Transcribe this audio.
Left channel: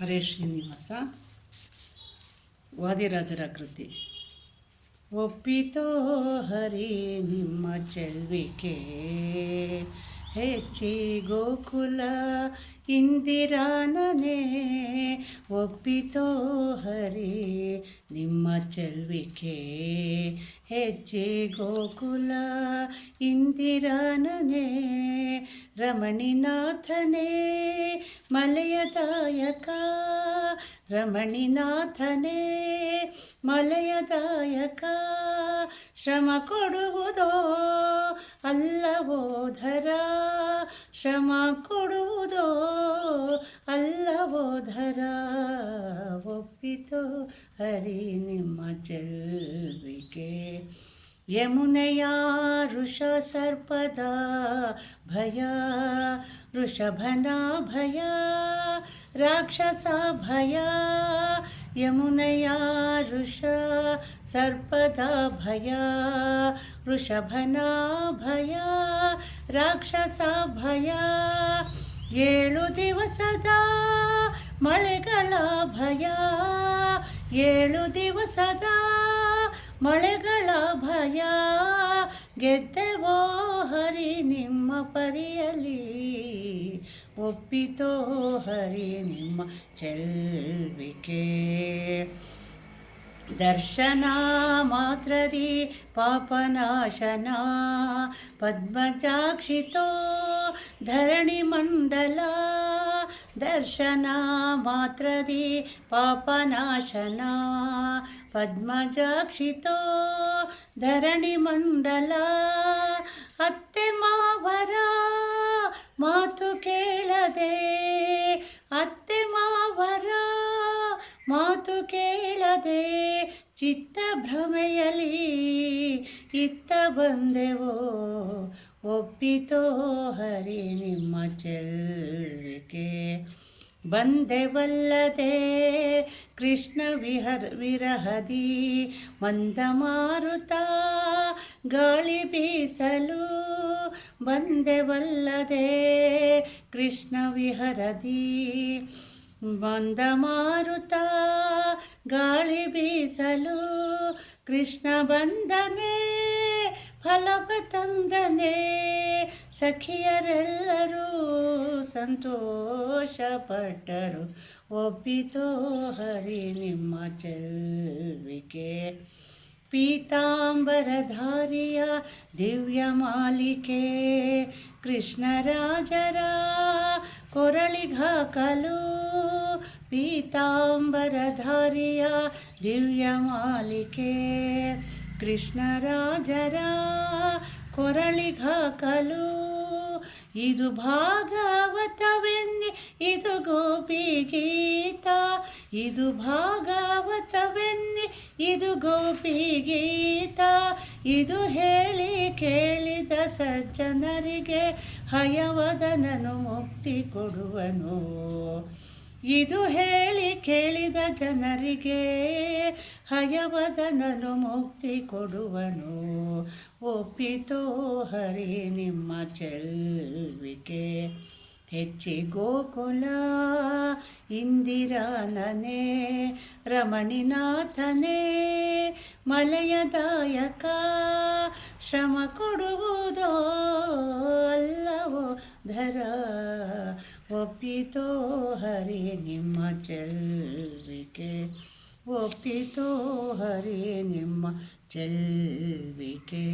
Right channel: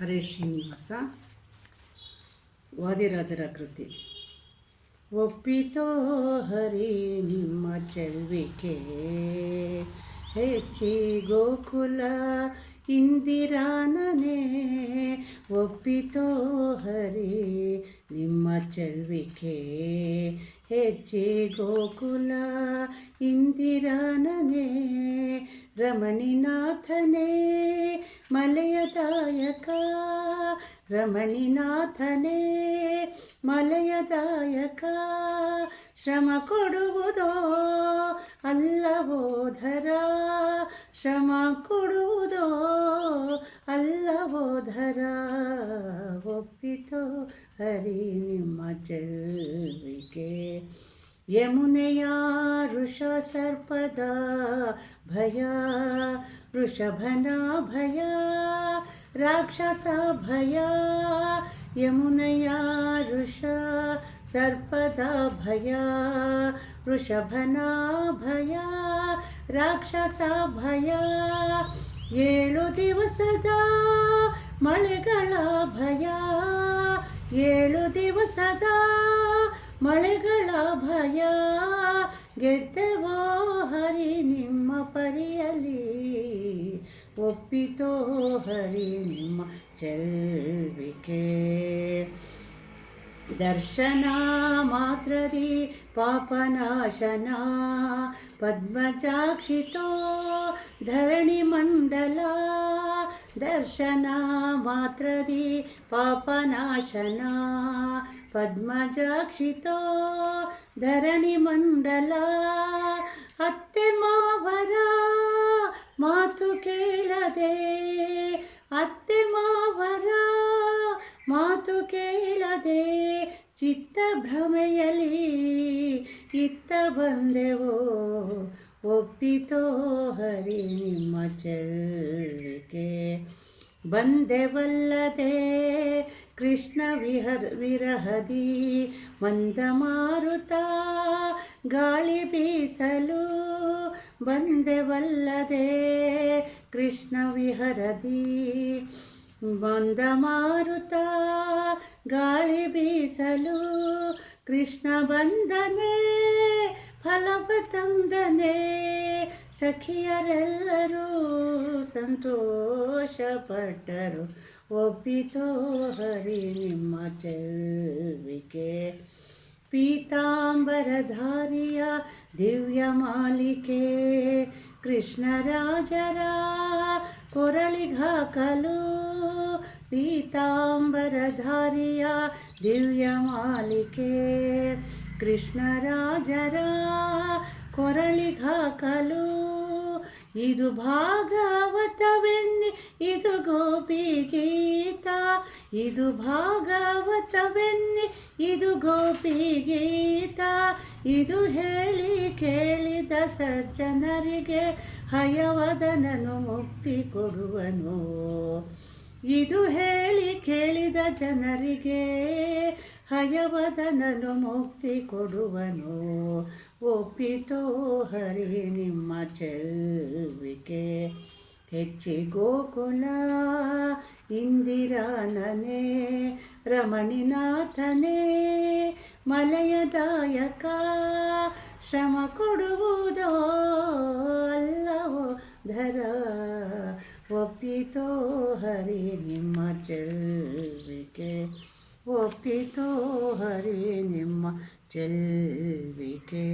ಹರೇ ಶ್ರೀನಿವಾಸ ವಾದಿರಾಜರ ಕೃತಿ. ಒಪ್ಪಿತೋ ಹರಿ ನಿಮ್ಮ ಚೆಲ್ವಿಕೆ, ಹೆಚ್ಚಿ ಗೋಕುಲ ಇಂದಿರಾನನೇ. ಒಪ್ಪಿತೋ ಹರಿ ನಿಮ್ಮ ಚೆಲ್ವಿಕೆ, ಹೆಚ್ಚಿ ಗೋಕುಲ ಇಂದಿರಾನನೇ. ರಮಣಿನಾಥನೇ ಮಲಯದಾಯಕ ರಮಣಿನಾಥನೇ ಮಲಯದಾಯಕ ಶ್ರಮ ಕೊಡುವುದೋ ಅಲ್ಲವೋ ಧರ ಶ್ರಮ ಕೊಡುವುದೋ ಅಲ್ಲವೋ ಧರ ಒಪ್ಪಿತೋ ಹರಿ ನಿಮ್ಮ ಚೆಲ್ವಿಕೆ ಯಮುನೆಯ ಋಷ ಸರ್ಪದ ಭಯ ವೃಷಭನ ಭಯ ರಾಕ್ಷಸ ಭಯ ಯಮುನೆಯ ಋಷ ಸರ್ಪದ ಭಯ ವೃಷಭನ ಭಯ ರಾಕ್ಷಸ ಭಯ ಏಳು ದಿವಸದ ಮಳೆಗಳ ಭಯ ಏಳು ದಿವಸದ ಮಳೆಗಳ ಭಯ, ಗೆದ್ದೆವೋ ಹರಿ ನಿಮ್ಮ ಪರಿಯಲಿ ಒಪ್ಪಿತೋ ಹರಿ ನಿಮ್ಮ ಚೆಲ್ವಿಕೆ. ದರ್ಶನ ಮಾತ್ರದಿ ಪಾಪನಾಶನ, ಪದ್ಮಜಾಕ್ಷಿತೋ ಧರಣಿ ಮಂಡಲ. ದರ್ಶನ ಮಾತ್ರದಿ ಪಾಪನಾಶನ ಪದ್ಮಜಾಕ್ಷಿತೋ ಧರಣಿ ಮಂಡಲ, ಅತ್ತೆ ಮಾವರ ಮಾತು ಕೇಳದೆ, ಅತ್ತೆ ಮಾವರ ಮಾತು ಕೇಳದೆ ಚಿತ್ತ ಭ್ರಮೆಯಲಿ ಇತ್ತ ಬಂದೆವೋ, ಒಪ್ಪಿತೋ ಹರಿ ನಿಮ್ಮ ಚೆಲ್ವಿಕೆ ಬಂದೆವಲ್ಲದೆ ಕೃಷ್ಣ ವಿಹರ್ ವಿರಹದಿ ಮಂದ ಮಾರುತ ಗಾಳಿ ಬೀಸಲು ಬಂದೆವಲ್ಲದೆ ಕೃಷ್ಣ ವಿಹರದಿ ಮಂದ ಮಾರುತ ಗಾಳಿ ಬೀಸಲು ಕೃಷ್ಣ ಬಂದನೆ ಫಲವ ತಂದನೆ ಸಖಿಯರೆಲ್ಲರೂ ಸಂತೋಷಪಟ್ಟರು. ಒಪ್ಪಿತೋ ಹರಿ ನಿಮ್ಮ ಚೆಲ್ವಿಕೆ ಪೀತಾಂಬರಧಾರಿಯ ದಿವ್ಯ ಮಾಲಿಕೆ. ಕೃಷ್ಣರಾಜರ ಕೊರಳಿಗಾಕಲು ಪೀತಾಂಬರಧಾರಿಯ ದಿವ್ಯ ಮಾಲಿಕೆ. ಕೃಷ್ಣರಾಜರ ಕೊರಳಿಗಾಕಲು ಇದು ಭಾಗವತವೆನ್ನಿ, ಇದು ಗೋಪಿ ಗೀತ. ಇದು ಭಾಗವತವೆನ್ನಿ, ಇದು ಗೋಪಿ ಗೀತ. ಇದು ಹೇಳಿ ಕೇಳಿದ ಸಜ್ಜನರಿಗೆ ಹಯವದನನು ಮುಕ್ತಿ ಕೊಡುವನು. ಇದು ಹೇಳಿ ಕೇಳಿದ ಜನರಿಗೆ ಹಯವದನನು ಮುಕ್ತಿ ಕೊಡುವನು. ಒಪ್ಪಿತೋ ಹರಿ ನಿಮ್ಮ ಚೆಲ್ವಿಕೆ. ಹೆಚ್ಚಿ ಗೋಕುಲ ಇಂದಿರಾನನೇ, ರಮಣಿನಾಥನೇ, ಮಲಯದಾಯಕ, ಶ್ರಮ ಕೊಡುವುದೋ ಧರ ಒಪ್ಪಿತೋ ಹರಿ ನಿಮ್ಮ ಚೆಲ್ವಿಕೆ. ಒಪ್ಪಿತೋ ಹರಿ ನಿಮ್ಮ ಚೆಲ್ವಿಕೆ.